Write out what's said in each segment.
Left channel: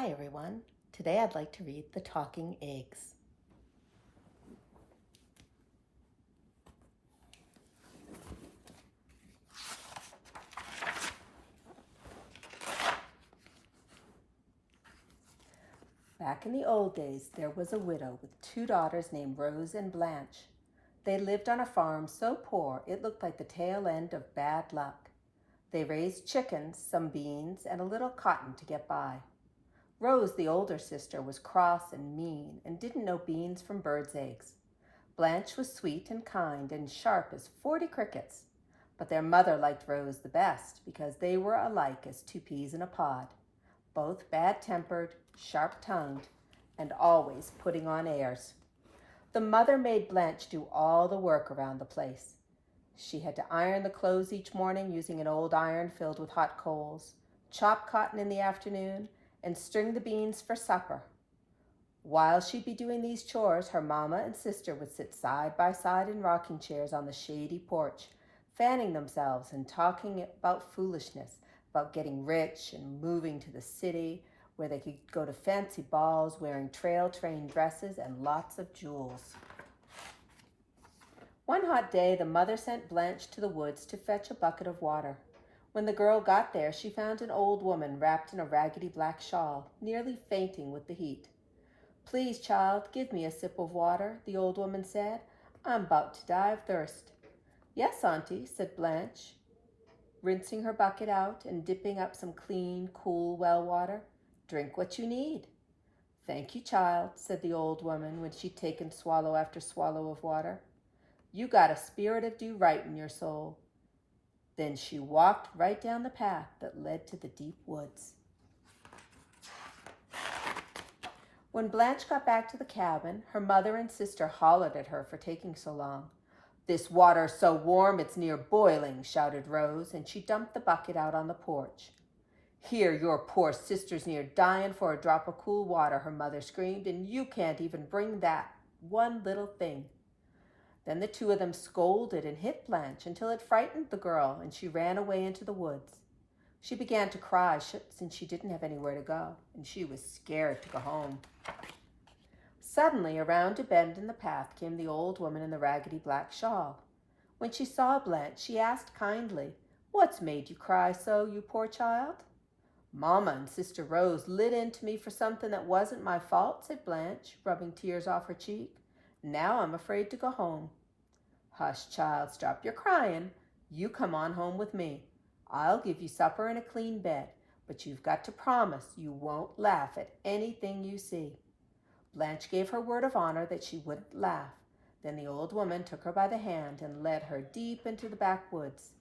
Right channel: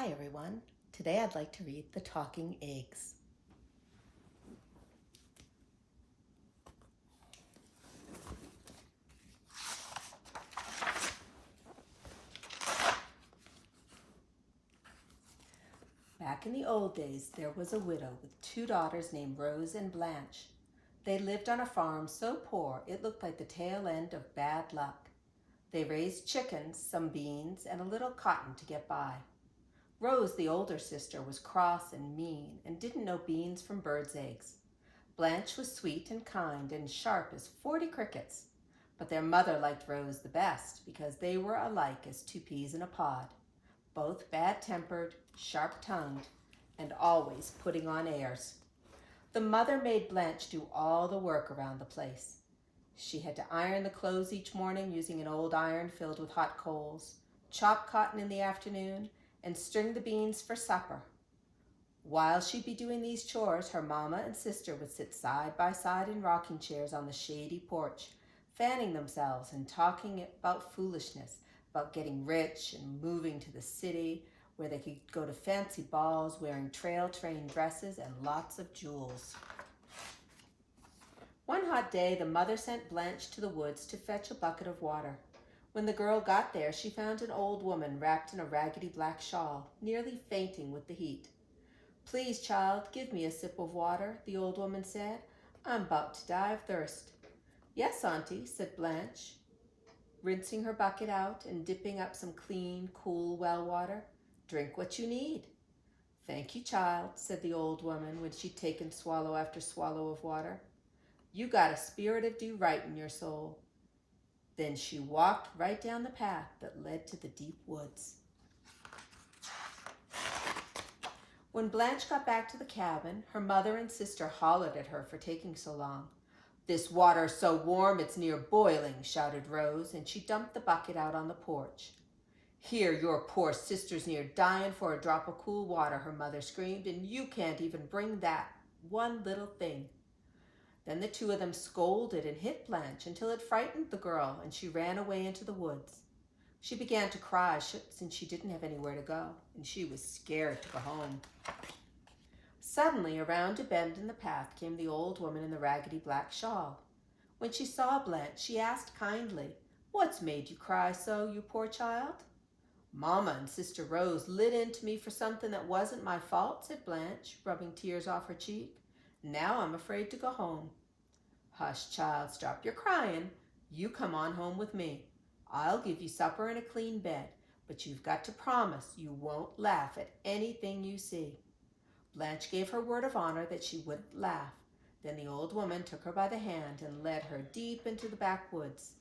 Hi everyone. Today I'd like to read The Talking Eggs. Back in the old days, there was a widow with two daughters named Rose and Blanche. They lived on a farm so poor it looked like the tail end of bad luck. They raised chickens, some beans, and a little cotton to get by. Rose, the older sister, was cross and mean and didn't know beans from birds' eggs. Blanche was sweet and kind and sharp as 40 crickets. But their mother liked Rose the best because they were alike as two peas in a pod, both bad-tempered, sharp-tongued, and always putting on airs. The mother made Blanche do all the work around the place. She had to iron the clothes each morning using an old iron filled with hot coals, chop cotton in the afternoon, and string the beans for supper. While she'd be doing these chores, her mama and sister would sit side by side in rocking chairs on the shady porch, fanning themselves and talking about foolishness, about getting rich and moving to the city where they could go to fancy balls wearing trail-trained dresses and lots of jewels. One hot day, the mother sent Blanche to the woods to fetch a bucket of water. When the girl got there, she found an old woman wrapped in a raggedy black shawl, nearly fainting with the heat. "Please, child, give me a sip of water," the old woman said. "I'm about to die of thirst." "Yes, Auntie," said Blanche, rinsing her bucket out and dipping up some clean, cool well water. "Drink what you need." "Thank you, child," said the old woman when she'd taken swallow after swallow of water. "You got a spirit of do right in your soul." Then she walked right down the path that led to the deep woods. When Blanche got back to the cabin, her mother and sister hollered at her for taking so long. "This water's so warm it's near boiling," shouted Rose, and she dumped the bucket out on the porch. "Here, your poor sister's near dying for a drop of cool water," her mother screamed, "and you can't even bring that one little thing." Then the two of them scolded and hit Blanche until it frightened the girl, and she ran away into the woods. She began to cry since she didn't have anywhere to go, and she was scared to go home. Suddenly, around a bend in the path came the old woman in the raggedy black shawl. When she saw Blanche, she asked kindly, "What's made you cry so, you poor child?" "Mama and Sister Rose lit into me for something that wasn't my fault," said Blanche, rubbing tears off her cheek. "Now I'm afraid to go home." "Hush, child, stop your crying. You come on home with me. I'll give you supper and a clean bed, but you've got to promise you won't laugh at anything you see." Blanche gave her word of honor that she wouldn't laugh. Then the old woman took her by the hand and led her deep into the backwoods.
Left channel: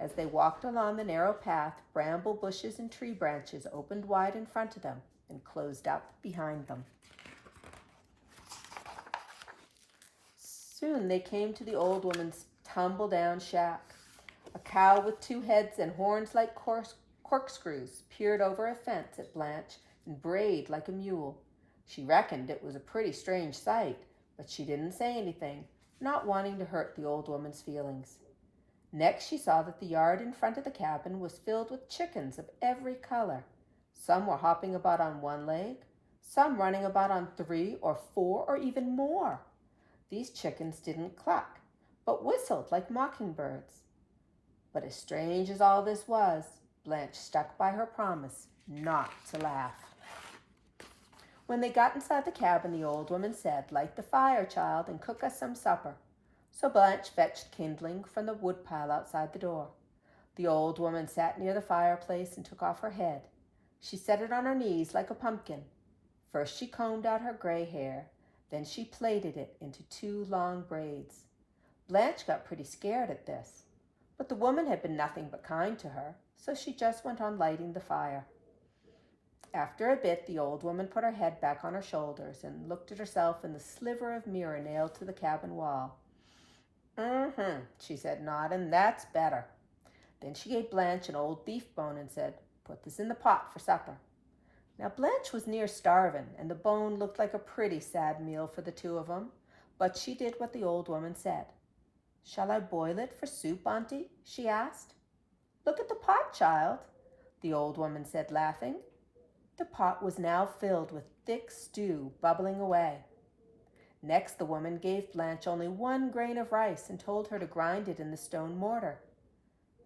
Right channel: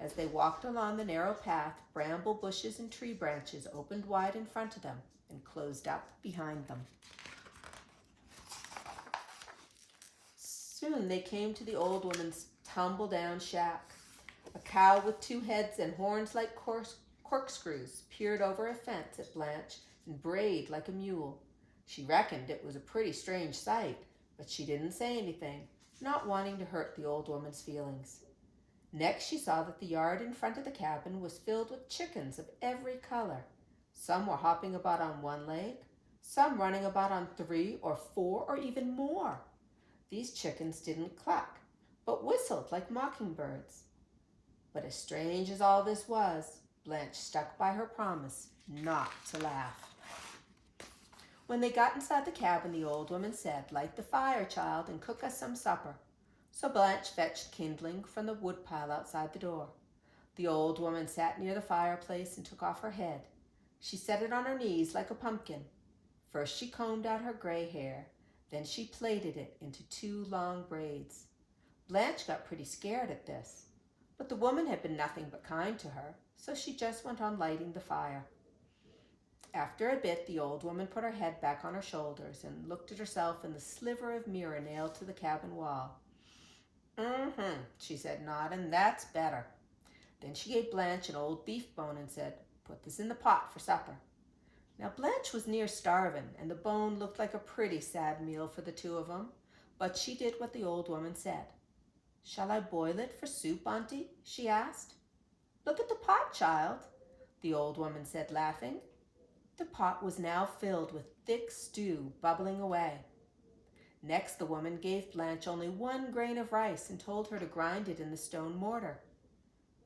As they walked along the narrow path, bramble bushes and tree branches opened wide in front of them and closed up behind them. Soon they came to the old woman's tumble-down shack. A cow with two heads and horns like corkscrews peered over a fence at Blanche and brayed like a mule. She reckoned it was a pretty strange sight, but she didn't say anything, not wanting to hurt the old woman's feelings. Next she saw that the yard in front of the cabin was filled with chickens of every color. Some were hopping about on one leg, some running about on 3 or 4 or even more. These chickens didn't cluck, but whistled like mockingbirds. But as strange as all this was, Blanche stuck by her promise not to laugh. When they got inside the cabin, the old woman said, "Light the fire, child, and cook us some supper." So Blanche fetched kindling from the woodpile outside the door. The old woman sat near the fireplace and took off her head. She set it on her knees like a pumpkin. First she combed out her gray hair, then she plaited it into 2 long braids. Blanche got pretty scared at this, but the woman had been nothing but kind to her, so she just went on lighting the fire. After a bit, the old woman put her head back on her shoulders and looked at herself in the sliver of mirror nailed to the cabin wall. She said, nodding, "that's better." Then she gave Blanche an old beef bone and said, "Put this in the pot for supper." Now Blanche was near starving, and the bone looked like a pretty sad meal for the two of them, but she did what the old woman said. "Shall I boil it for soup, Auntie?" she asked. "Look at the pot, child," the old woman said, laughing. The pot was now filled with thick stew bubbling away. Next, the woman gave Blanche only 1 grain of rice and told her to grind it in the stone mortar.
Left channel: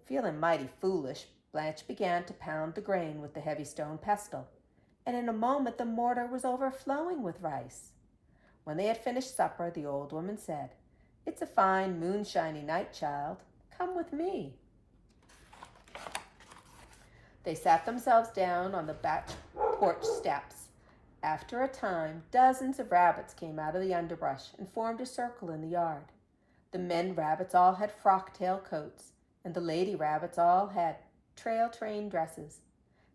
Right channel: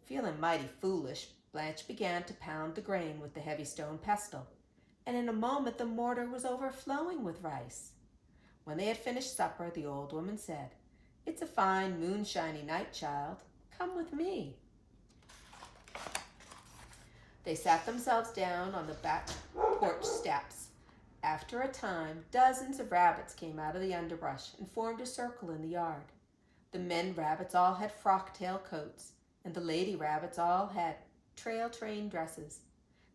Feeling mighty foolish, Blanche began to pound the grain with the heavy stone pestle, and in a moment the mortar was overflowing with rice. When they had finished supper, the old woman said, "It's a fine moonshiny night, child. Come with me." They sat themselves down on the back porch steps. After a time, dozens of rabbits came out of the underbrush and formed a circle in the yard. The men rabbits all had frock-tail coats, and the lady rabbits all had trail-train dresses.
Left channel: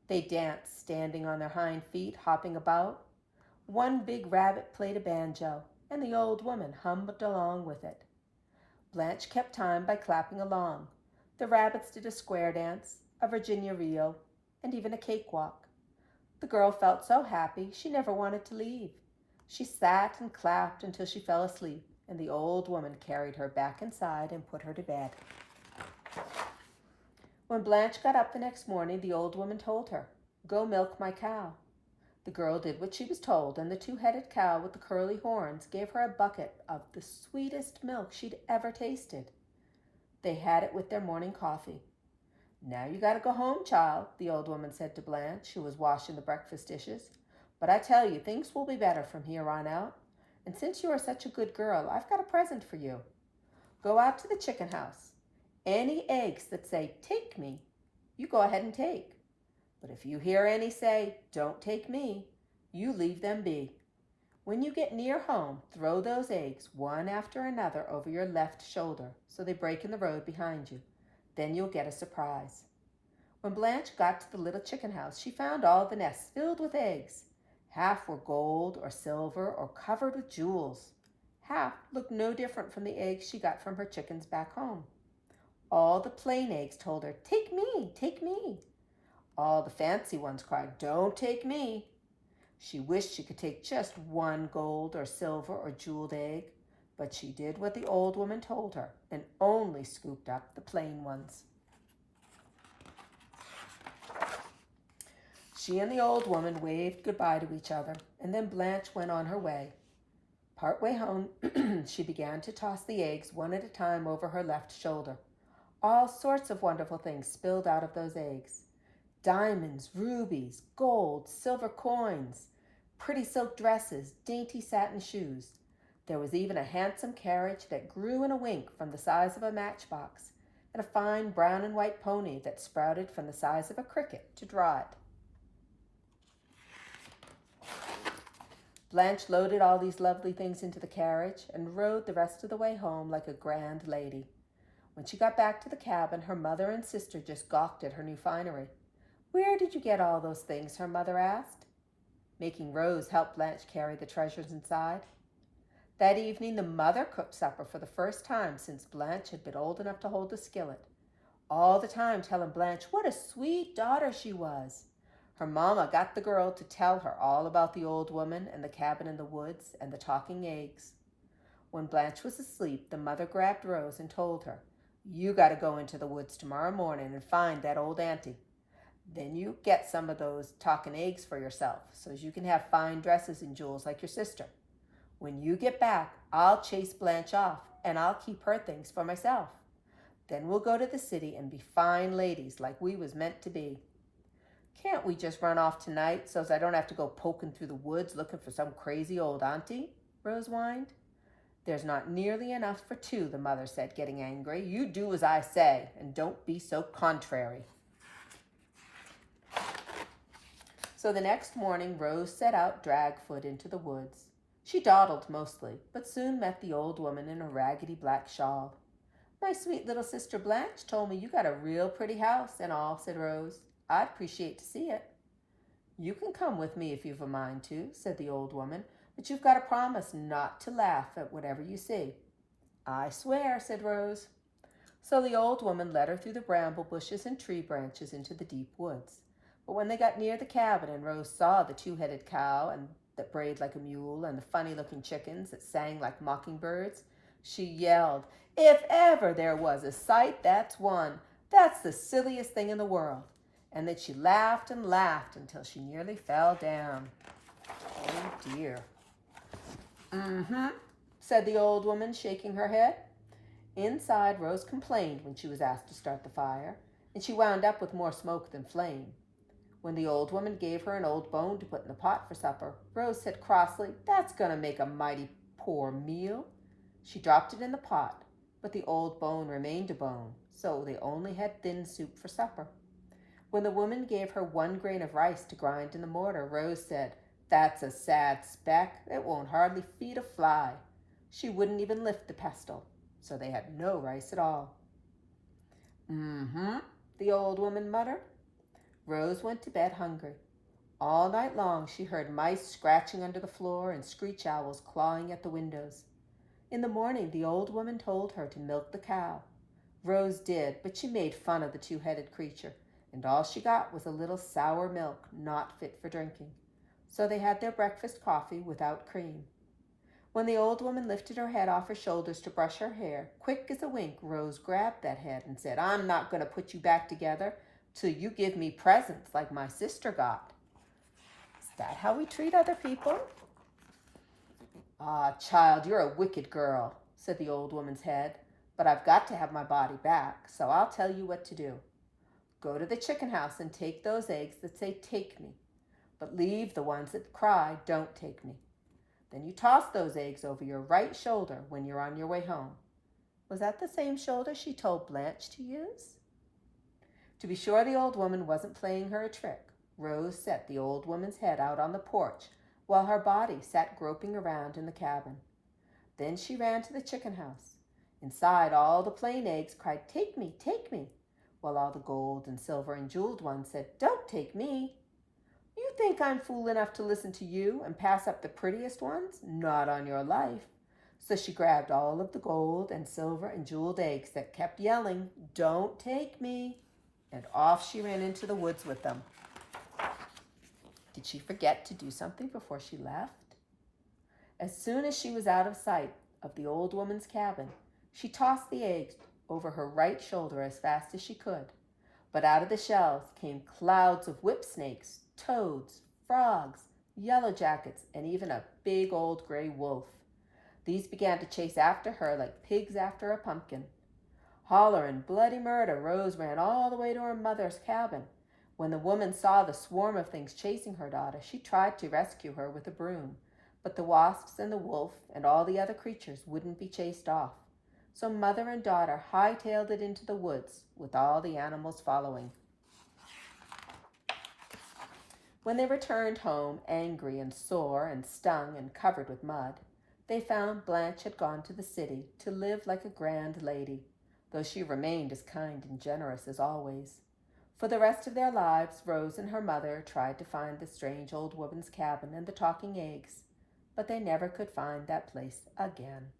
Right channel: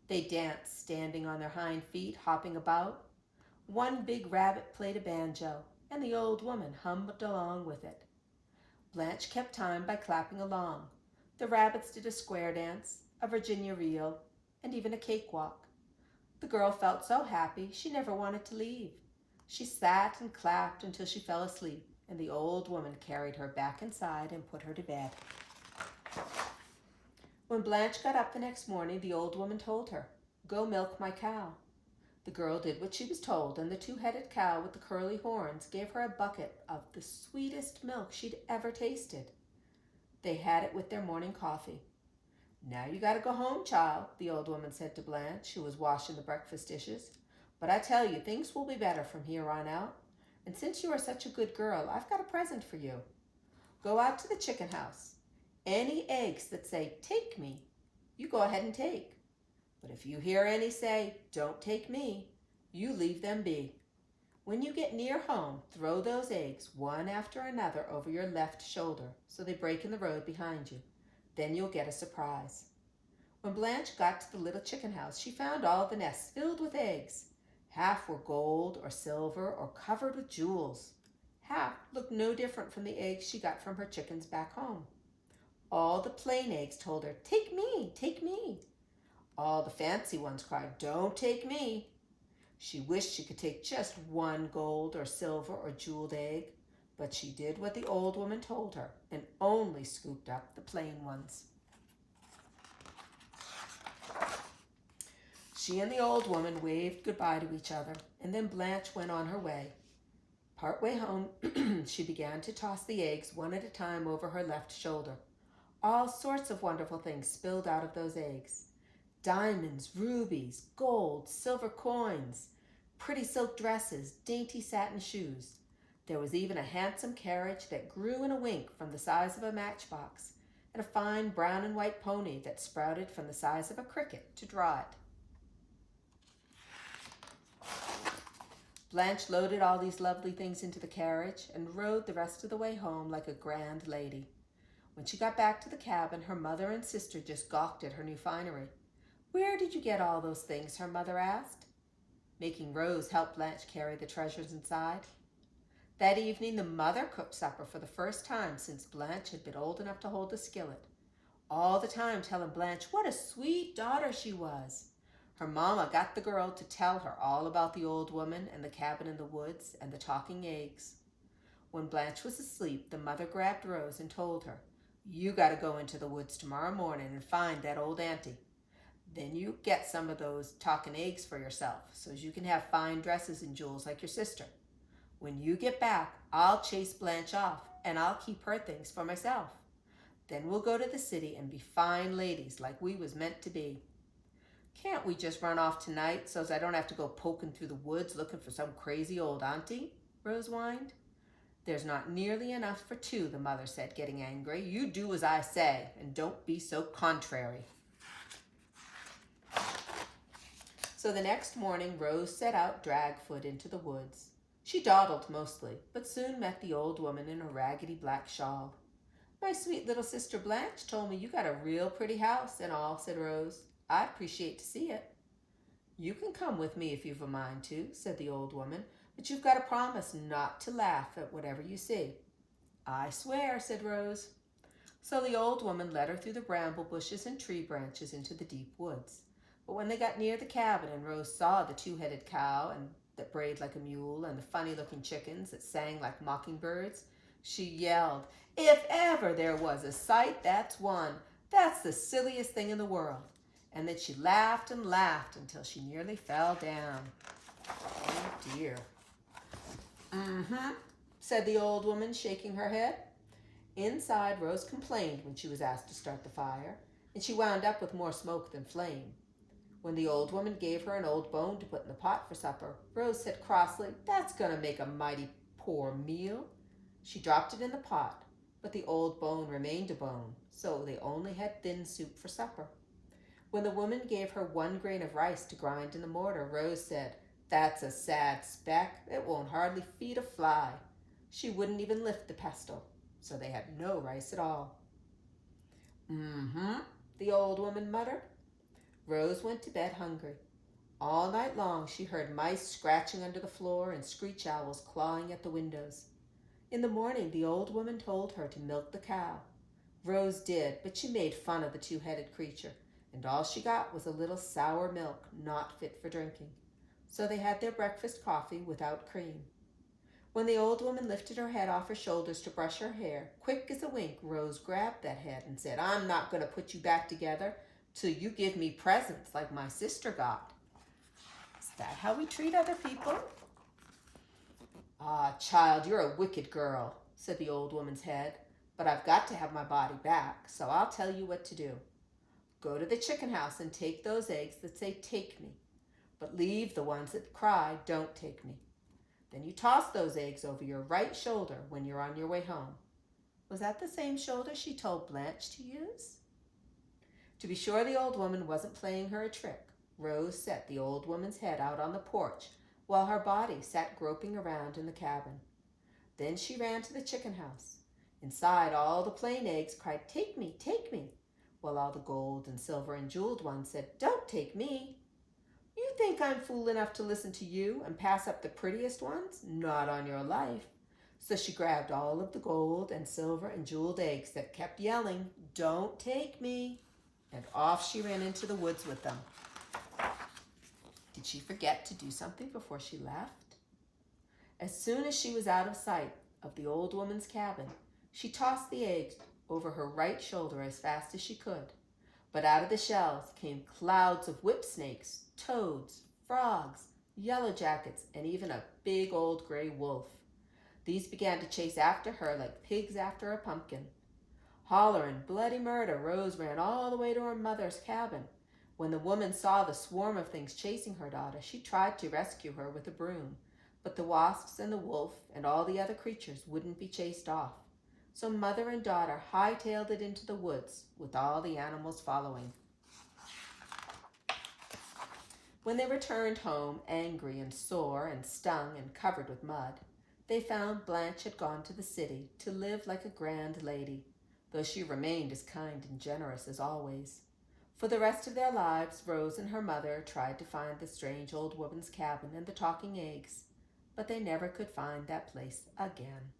They danced, standing on their hind feet, hopping about. One big rabbit played a banjo, and the old woman hummed along with it. Blanche kept time by clapping along. The rabbits did a square dance, a Virginia reel, and even a cakewalk. The girl felt so happy she never wanted to leave. She sat and clapped until she fell asleep, and the old woman carried her back inside and put her to bed. When Blanche got up the next morning, the old woman told her, "Go milk my cow." The girl did what she was told, and the 2-headed cow with the curly horns gave her a bucket of the sweetest milk she'd ever tasted. They had it with their morning coffee. "Now you got to go home, child," the old woman said to Blanche, who was washing the breakfast dishes. "But I tell you, things will be better from here on out. And since you are such a good girl, I've got a present for you. Go out to the chicken house. Any eggs that say, 'Take me,' you go ahead and take. But if you hear any say, 'Don't take me,' you leave them be. When you get near home, throw those eggs one after another over your left shoulder so they break in the road behind you. Then you'll get a surprise." When Blanche got to the little chicken house, she found all the nests filled with eggs. Half were gold or silver or covered with jewels. Half looked no different from the eggs she got from her chickens back home. All the plain eggs told her, "Take me, take me." All the fancy ones cried, "Don't take me." She wished she could take just one gold or silver or jeweled egg, but she did what the old woman told her and only scooped up the plain ones. She and the old woman waved goodbye to each other, and then Blanche went on her way. Part way home, she began to toss the eggs one at a time over her left shoulder. All sorts of wonderful things spilled out of those eggs. Diamonds, rubies, gold, silver coins, pretty silk dresses, dainty satin shoes. There was even a handsome carriage that grew in a wink from the size of a matchbox, and a fine brown and white pony that sprouted from the size of a cricket to draw it. Blanche loaded all these lovely things into the carriage and rode the rest of the way home like a grand lady. When she got back to the cabin, her mother and sister just gawked at her new finery. "Where did you get all those things?" her mother asked. Making Rose help Blanche carry the treasures inside. That evening, the mother cooked supper for the first time since Blanche had been old enough to hold the skillet, all the time telling Blanche what a sweet daughter she was. Her mama got the girl to tell her all about the old woman and the cabin in the woods and the talking eggs. When Blanche was asleep, the mother grabbed Rose and told her, "You got to go into the woods tomorrow morning and find that old auntie. Then you get some of those talking eggs for yourself so as you can have fine dresses and jewels like your sister. When you get back, I'll chase Blanche off and I'll keep her things for myself. Then we'll go to the city and be fine ladies like we was meant to be." "Can't we just run off tonight so's I don't have to go poking through the woods looking for some crazy old auntie?" Rose whined. "There's not nearly enough for two," the mother said, getting angry. "You do as I say, and don't be so contrary." So the next morning, Rose set out dragfoot into the woods. She dawdled mostly, but soon met the old woman in a raggedy black shawl. "My sweet little sister Blanche told me you got a real pretty house and all," said Rose. "I'd appreciate to see it." "You can come with me if you've a mind to," said the old woman, "but you've got to promise not to laugh at whatever you see." "I swear," said Rose. So the old woman led her through the bramble bushes and tree branches into the deep woods. But when they got near the cabin and Rose saw the 2-headed cow and that brayed like a mule and the funny-looking chickens that sang like mockingbirds, she yelled, "If ever there was a sight, that's one. That's the silliest thing in the world." And then she laughed and laughed until she nearly fell down. Oh dear. Mm-hmm, said the old woman, shaking her head. Inside, Rose complained when she was asked to start the fire, and she wound up with more smoke than flame. When the old woman gave her an old bone to put in the pot for supper, Rose said crossly, "That's going to make a mighty poor meal." She dropped it in the pot, but the old bone remained a bone, so they only had thin soup for supper. When the woman gave her 1 grain of rice to grind in the mortar, Rose said, "That's a sad speck. It won't hardly feed a fly." She wouldn't even lift the pestle, so they had no rice at all. "Mm-hmm," the old woman muttered. Rose went to bed hungry. All night long she heard mice scratching under the floor and screech owls clawing at the windows. In the morning the old woman told her to milk the cow. Rose did, but she made fun of the 2-headed creature, and all she got was a little sour milk not fit for drinking. So they had their breakfast coffee without cream. When the old woman lifted her head off her shoulders to brush her hair, quick as a wink, Rose grabbed that head and said, "I'm not going to put you back together till you give me presents like my sister got." Is that how we treat other people? "Ah, child, you're a wicked girl," said the old woman's head, "but I've got to have my body back, so I'll tell you what to do. Go to the chicken house and take those eggs that say 'take me,' but leave the ones that cry 'don't take me.' Then you toss those eggs over your right shoulder when you're on your way home." Was that the same shoulder she told Blanche to use? To be sure the old woman wasn't playing her a trick, Rose set the old woman's head out on the porch while her body sat groping around in the cabin. Then she ran to the chicken house. Inside, all the plain eggs cried, "Take me, take me," while all the gold and silver and jeweled ones said, "Don't take me." "You think I'm fool enough to listen to you and pass up the prettiest ones? Not on your life." So she grabbed all of the gold and silver and jeweled eggs that kept yelling, "Don't take me," and off she ran into the woods with them. Did she forget to do something before she left? As soon as she was out of sight of the old woman's cabin, she tossed the eggs over her right shoulder as fast as she could. But out of the shells came clouds of whip snakes, toads, frogs, yellow jackets, and even a big old gray wolf. These began to chase after her like pigs after a pumpkin. Hollering bloody murder, Rose ran all the way to her mother's cabin. When the woman saw the swarm of things chasing her daughter, she tried to rescue her with a broom, but the wasps and the wolf and all the other creatures wouldn't be chased off. So mother and daughter hightailed it into the woods, with all the animals following. When they returned home, angry and sore and stung and covered with mud, they found Blanche had gone to the city to live like a grand lady, though she remained as kind and generous as always. For the rest of their lives, Rose and her mother tried to find the strange old woman's cabin and the talking eggs, but they never could find that place again.